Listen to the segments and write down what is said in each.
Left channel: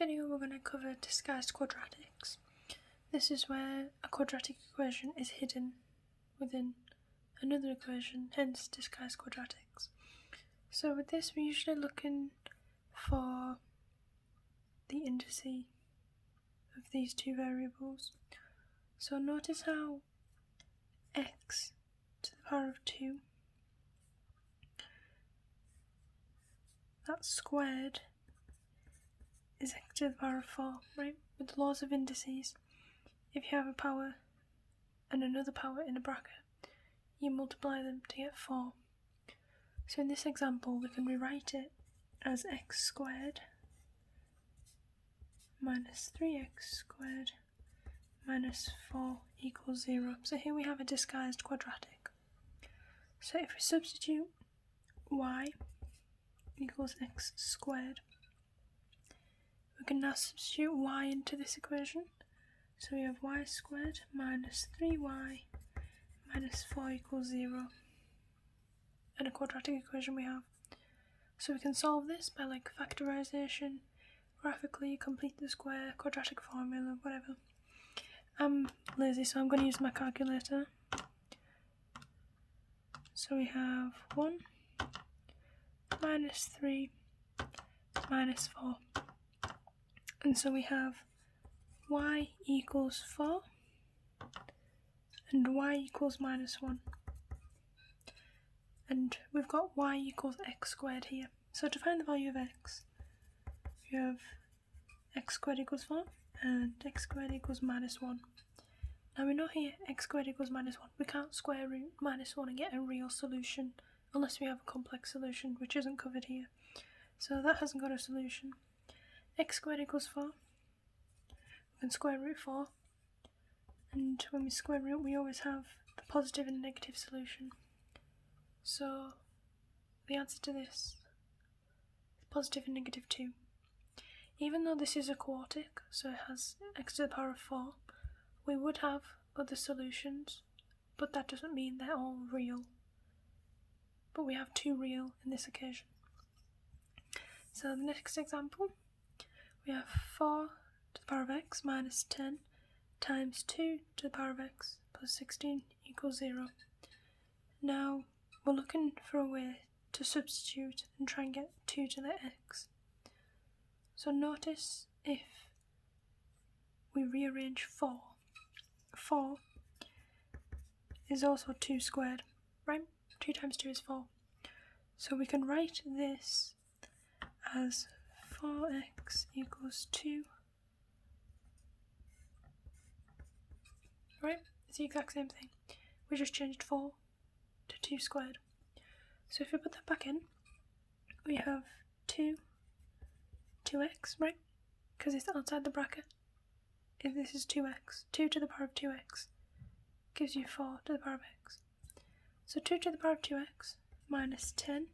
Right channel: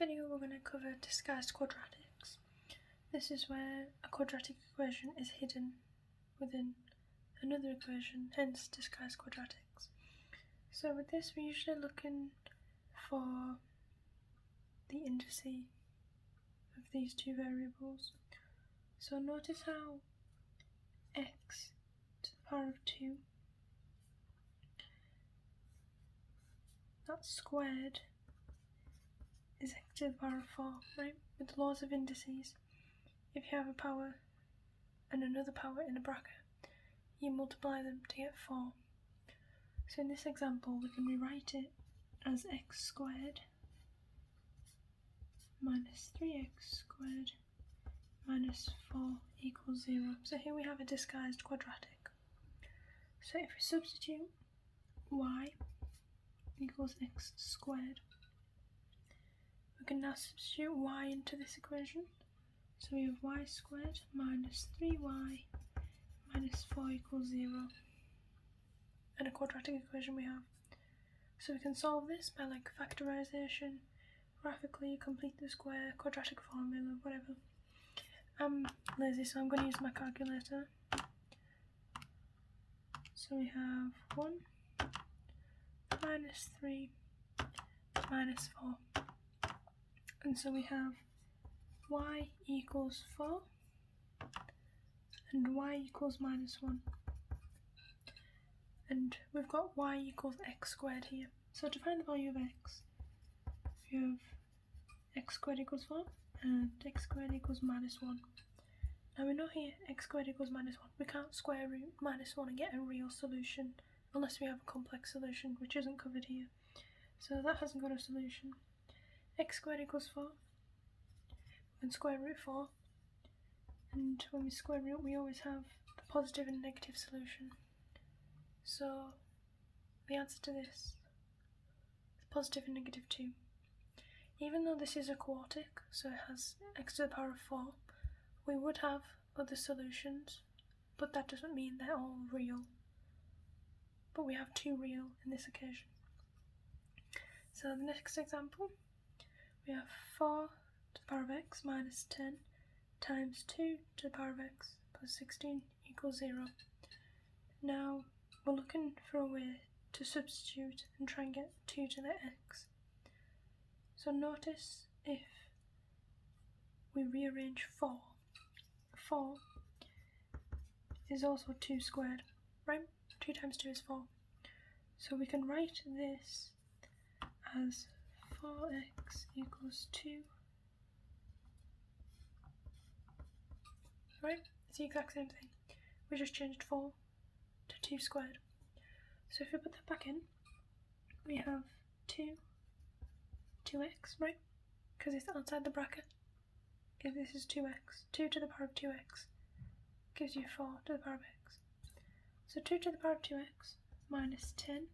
video we're going to cover disguised quadratics. This is where a quadratic equation is hidden within another equation, hence disguised quadratics. So with this we're usually looking for the indices of these two variables. So notice how x to the power of 2, that squared is x to the power of 4, right? With the laws of indices, if you have a power and another power in a bracket, you multiply them to get 4. So in this example we can rewrite it as x squared minus 3x squared minus 4 equals 0. So here we have a disguised quadratic. So if we substitute y equals x squared, we can now substitute y into this equation. So we have y squared minus 3y minus 4 equals 0. And a quadratic equation we have. So we can solve this by like factorization, graphically complete the square, quadratic formula, whatever. I'm lazy, so I'm going to use my calculator. So we have 1 minus 3 minus 4. And so we have y equals 4 and y equals minus 1. And we've got y equals x squared here. So to find the value of x, we have x squared equals 4 and x squared equals minus 1. Now we know here x squared equals minus 1. We can't square root minus 1 and get a real solution unless we have a complex solution, which isn't covered here. So that hasn't got a solution. X squared equals 4. We can square root 4. And when we square root, we always have the positive and negative solution. So the answer to this is positive and negative 2. Even though this is a quartic, so it has x to the power of 4, we would have other solutions, but that doesn't mean they're all real. But we have 2 real in this occasion. So the next example, we have 4 to the power of x minus 10 times 2 to the power of x plus 16 equals 0. Now we're looking for a way to substitute and try and get 2 to the x. So notice if we rearrange 4, 4 is also 2 squared, right? 2 times 2 is 4. So we can write this as 4x equals 2. Right? It's the exact same thing. We just changed 4 to 2 squared. So if we put that back in, we have 2x, right? Because it's outside the bracket. If this is 2x, 2 to the power of 2x gives you 4 to the power of x. So 2 to the power of 2x minus 10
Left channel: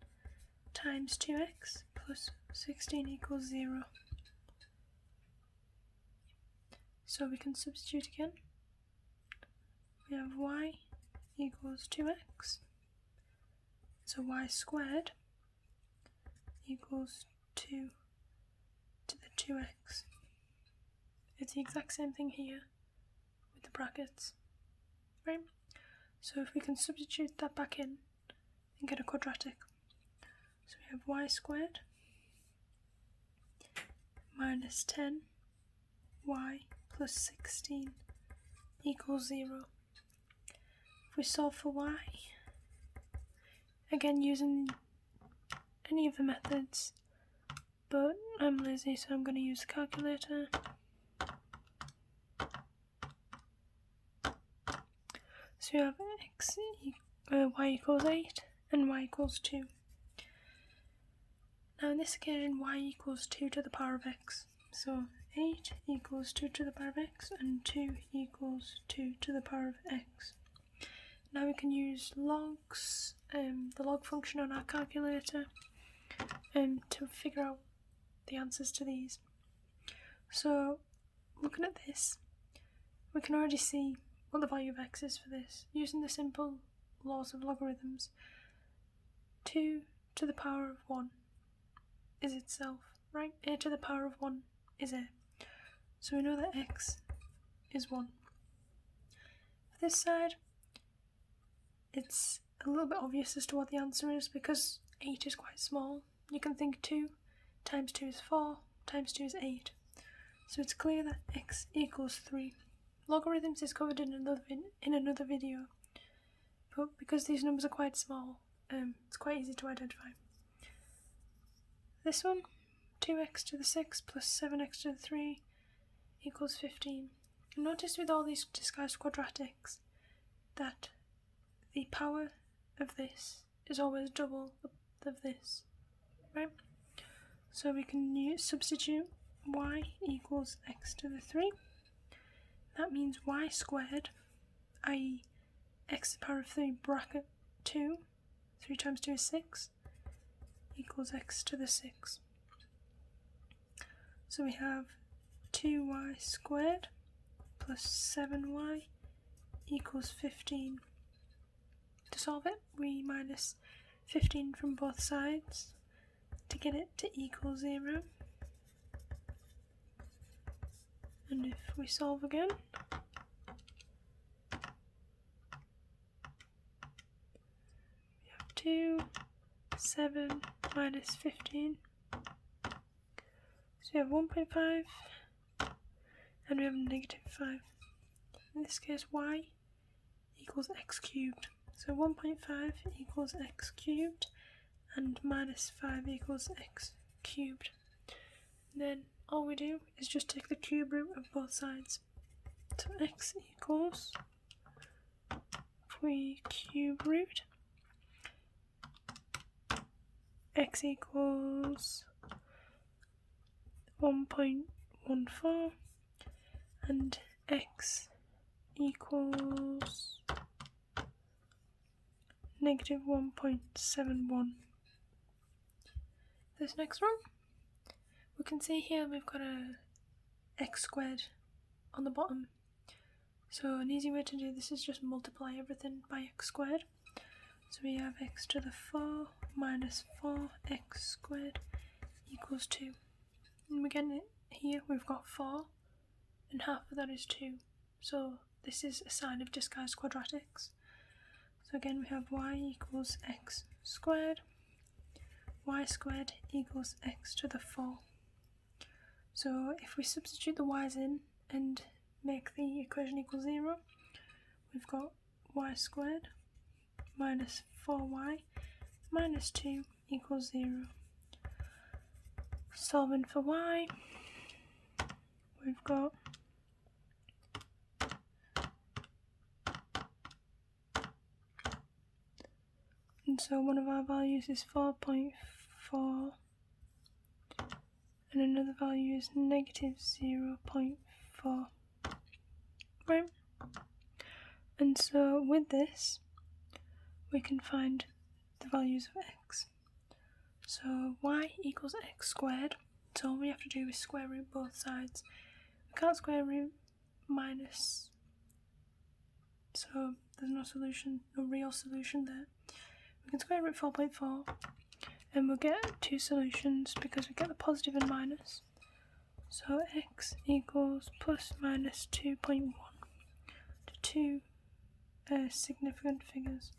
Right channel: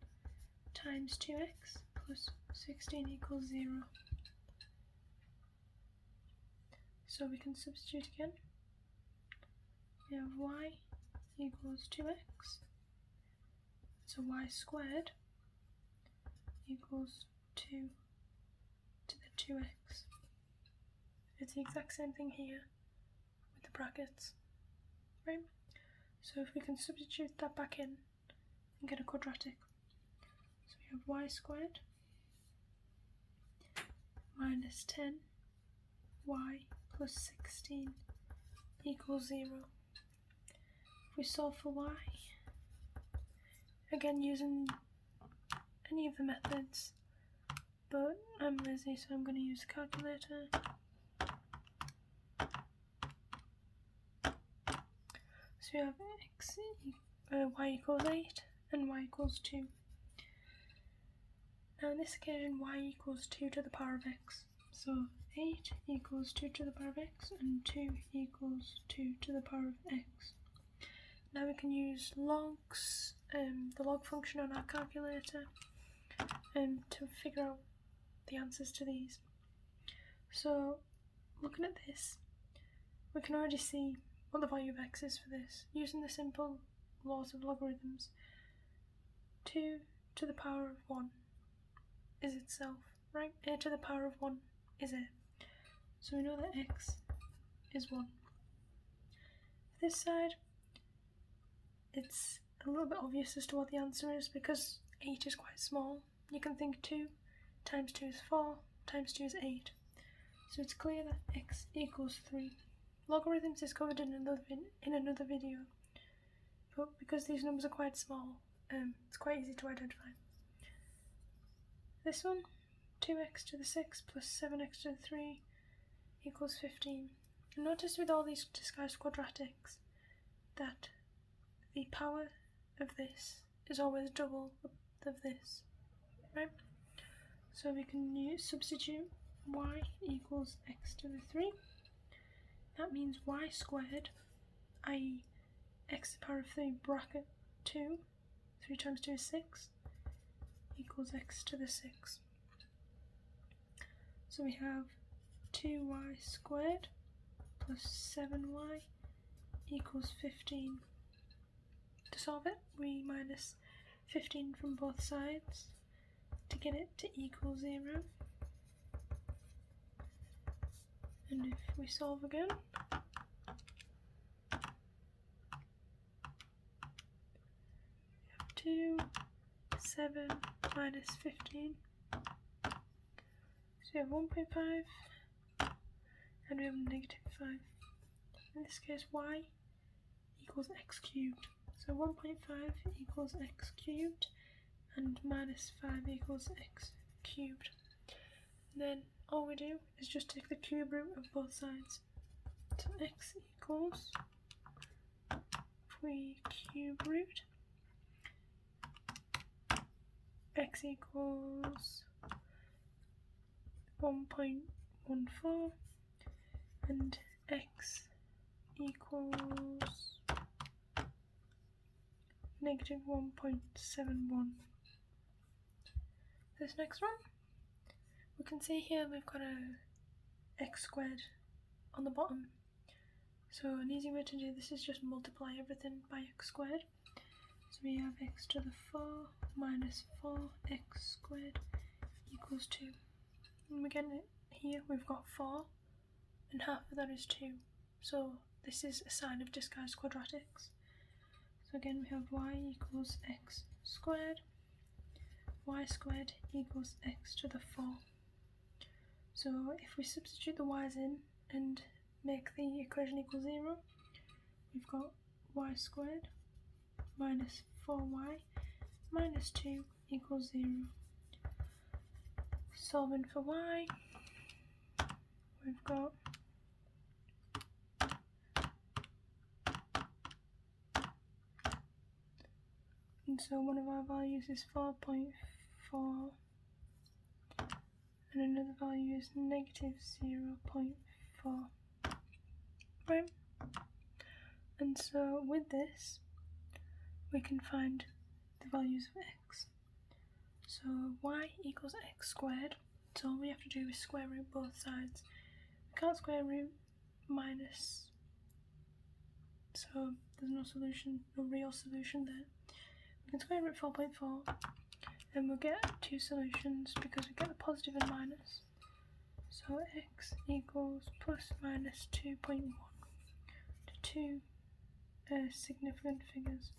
times 2x plus 16 equals 0. So we can substitute again. We have y equals 2x. So y squared equals 2 to the 2x. It's the exact same thing here with the brackets, right? So if we can substitute that back in and get a quadratic. So we have y squared minus 10y plus 16 equals 0. If we solve for y, again using any of the methods, but I'm lazy, so I'm going to use the calculator. So we have y equals 8 and y equals 2. Now in this occasion y equals 2 to the power of x. So 8 equals 2 to the power of x and 2 equals 2 to the power of x. Now we can use logs, the log function on our calculator, to figure out the answers to these. So looking at this, we can already see what the value of x is for this, using the simple laws of logarithms. 2 to the power of 1 is itself, right? A to the power of 1 is A. So we know that x is 1. For this side, it's a little bit obvious as to what the answer is because 8 is quite small. You can think 2 times 2 is 4, times 2 is 8. So it's clear that x equals 3. Logarithms is covered in another video, but because these numbers are quite small, it's quite easy to identify. This one, 2x to the 6 plus 7x to the 3 equals 15. Notice with all these disguised quadratics that the power of this is always double of this, right? So we can substitute y equals x to the 3. That means y squared, i.e. x to the power of 3 bracket 2, 3 times 2 is 6, equals x to the 6. So we have 2y squared plus 7y equals 15. To solve it, we minus 15 from both sides to get it to equal 0. And if we solve again, we have 2, 7 minus 15. So we have 1.5 and we have negative 5. In this case, y equals x cubed. So 1.5 equals x cubed and minus 5 equals x cubed. And then all we do is just take the cube root of both sides. So x equals, if we cube root, x equals 1.14 and x equals negative 1.71. This next one, we can see here we've got a x squared on the bottom. So an easy way to do this is just multiply everything by x squared. So we have x to the 4 minus 4x squared equals 2. And we get it here, we've got 4 and half of that is 2. So this is a sign of disguised quadratics. So again we have y equals x squared, y squared equals x to the 4. So if we substitute the y's in and make the equation equal 0, we've got y squared minus 4y minus 2 equals 0. Solving for y, we've got and so one of our values is 4.4 and another value is negative 0.4, right? And so with this we can find the values of x. So y equals x squared, so all we have to do is square root both sides. We can't square root minus, so there's no solution, no real solution there. We can square root 4.4 and we'll get two solutions because we get the positive and minus. So x equals plus minus 2.1 to two significant figures.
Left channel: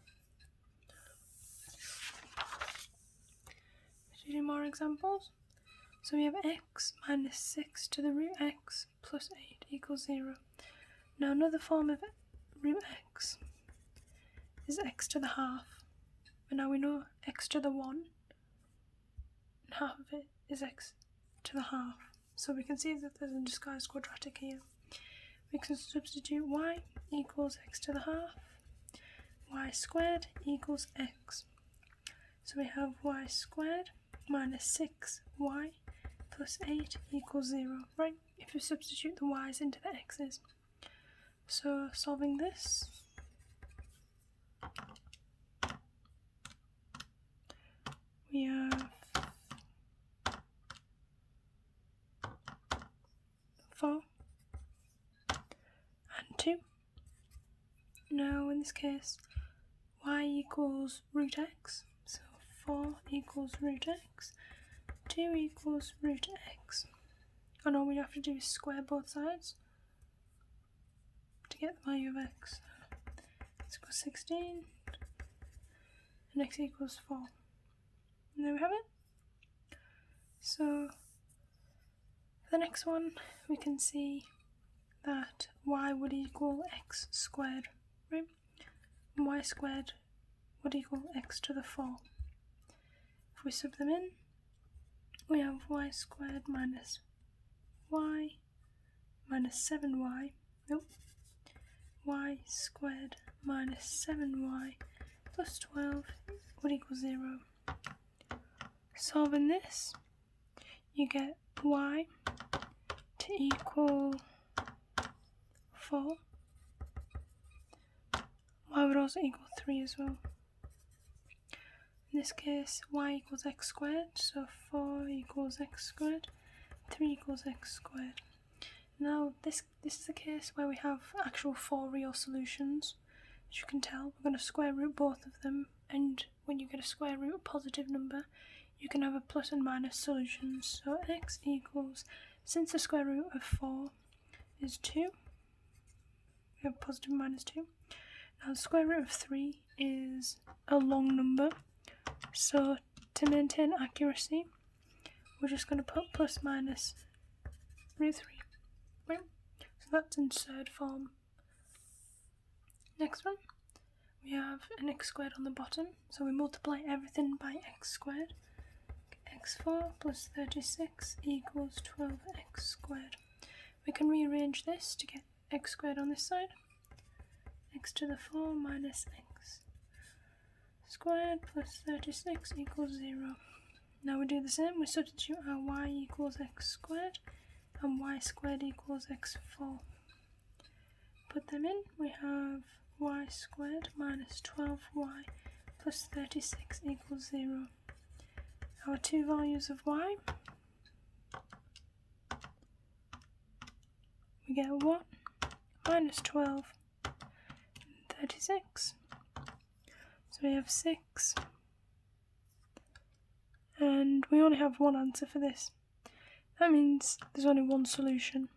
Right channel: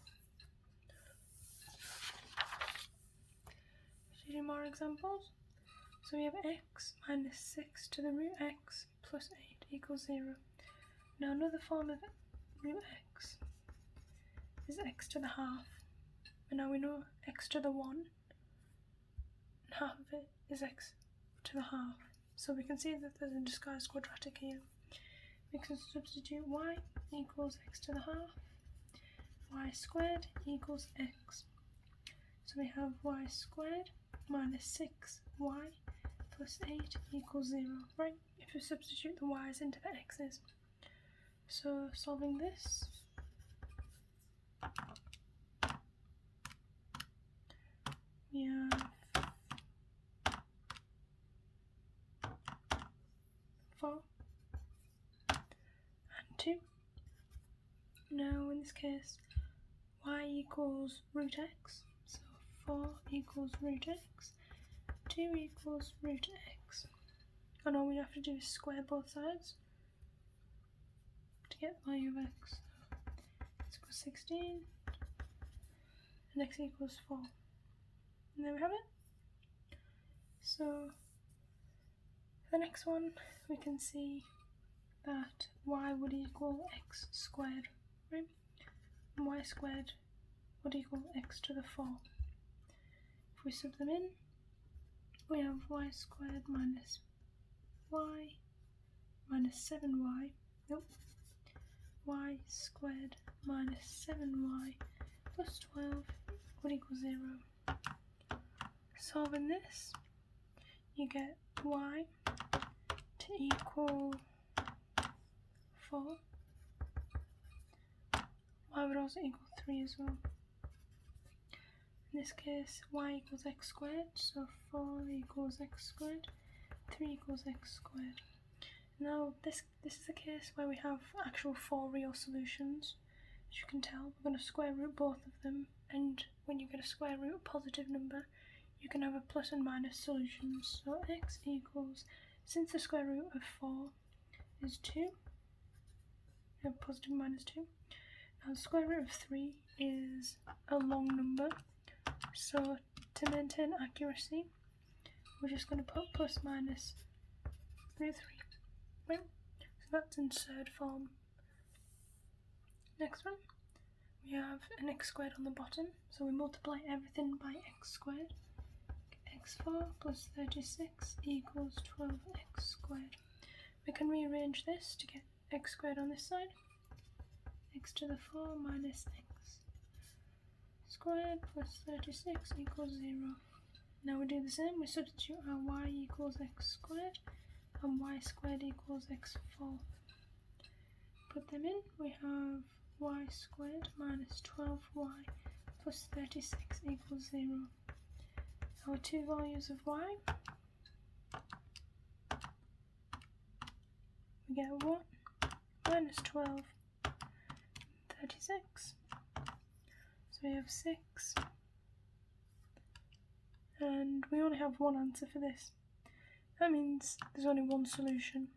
To do more examples, so we have x minus 6 to the root x plus 8 equals 0. Now another form of root x is x to the half, and now we know x to the 1 and half of it is x to the half. So we can see that there's a disguised quadratic here. We can substitute y equals x to the half, y squared equals x. So we have y squared minus 6y plus 8 equals 0, right? If you substitute the y's into the x's. So solving this, we have 4 and 2. Now in this case, y equals root x, so 4 equals root x, 2 equals root x. and all we have to do is square both sides to get the value of x. X equals 16 and x equals 4. And there we have it. So the next one, we can see that y would equal x squared, right? And y squared would equal x to the 4. If we sub them in, we have y squared minus y minus 7y, y squared minus 7y plus 12 would equal 0. Solving this, you get y to equal 4. Y would also equal 3 as well. In this case, y equals x squared, so 4 equals x squared, 3 equals x squared. Now, this is a case where we have actual 4 real solutions. As you can tell, we're going to square root both of them, and when you get a square root positive number, you can have a plus and minus solutions. So x equals, since the square root of 4 is 2, we have positive minus 2. Now the square root of 3 is a long number, so to maintain accuracy, we're just going to put plus minus root 3, right? So that's in third form. Next one, we have an x squared on the bottom, so we multiply everything by x squared. x4 plus 36 equals 12x squared. We can rearrange this to get x squared on this side. X to the 4 minus x squared plus 36 equals 0. Now we do the same, we substitute our y equals x squared and y squared equals x4. Put them in, we have y squared minus 12y plus 36 equals 0. Our two values of y, we get 1 minus 12 and 36. So we have 6, and we only have one answer for this. That means there's only one solution.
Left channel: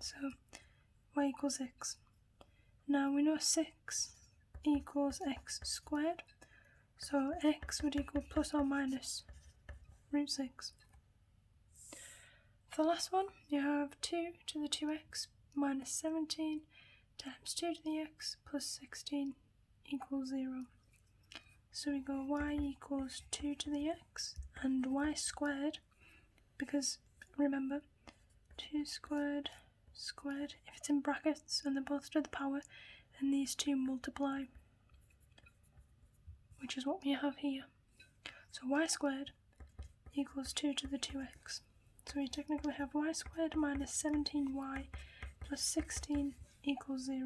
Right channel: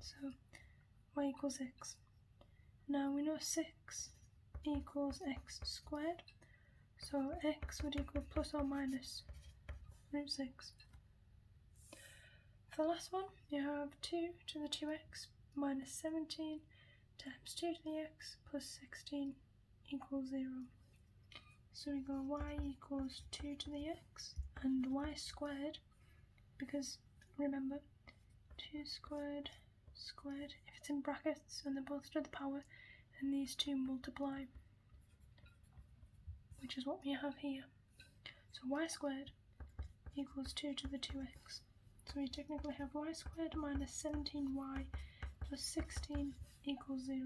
So y equals x. Now we know 6 equals x squared, so x would equal plus or minus root 6. For the last one, you have 2 to the 2x minus 17 times 2 to the x plus 16 equals 0. So we go y equals 2 to the x and y squared, because remember, 2 squared squared, if it's in brackets and they're both to the power, then these two multiply, which is what we have here. So y squared equals 2 to the 2x. So we technically have y squared minus 17y plus 16 equals 0.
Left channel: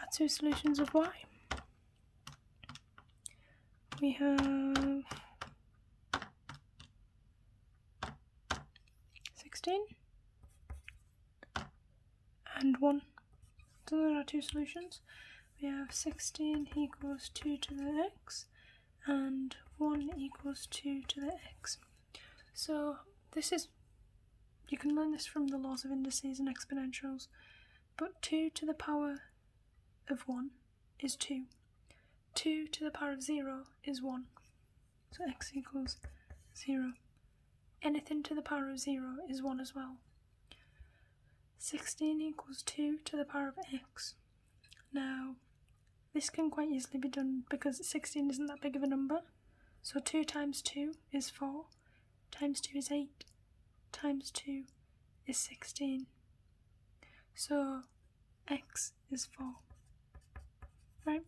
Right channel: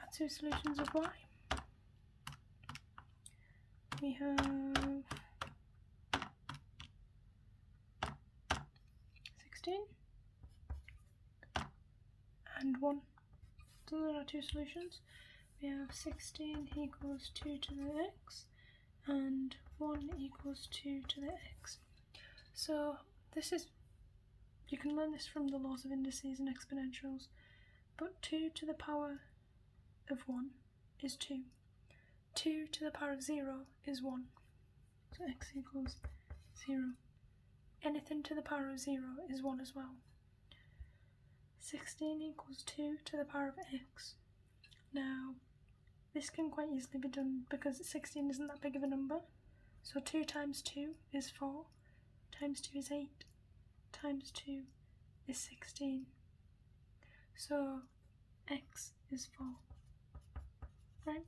Our two solutions of y, we have 16 and 1. So those are our two solutions. We have 16 equals 2 to the x and 1 equals 2 to the x. So this is, you can learn this from the laws of indices and exponentials, but 2 to the power of 1 is 2. 2 to the power of 0 is 1. So x equals 0. Anything to the power of 0 is 1 as well. 16 equals 2 to the power of x. Now, this can quite easily be done because 16 isn't that big of a number. So 2 times 2 is 4, times 2 is 8, times 2 is 16. So x is 4, right?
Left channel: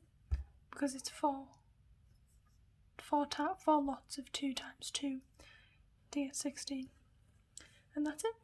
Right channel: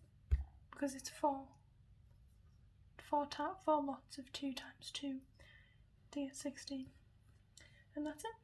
Because it's 4 lots of 2 times 2 to get 16. And that's it.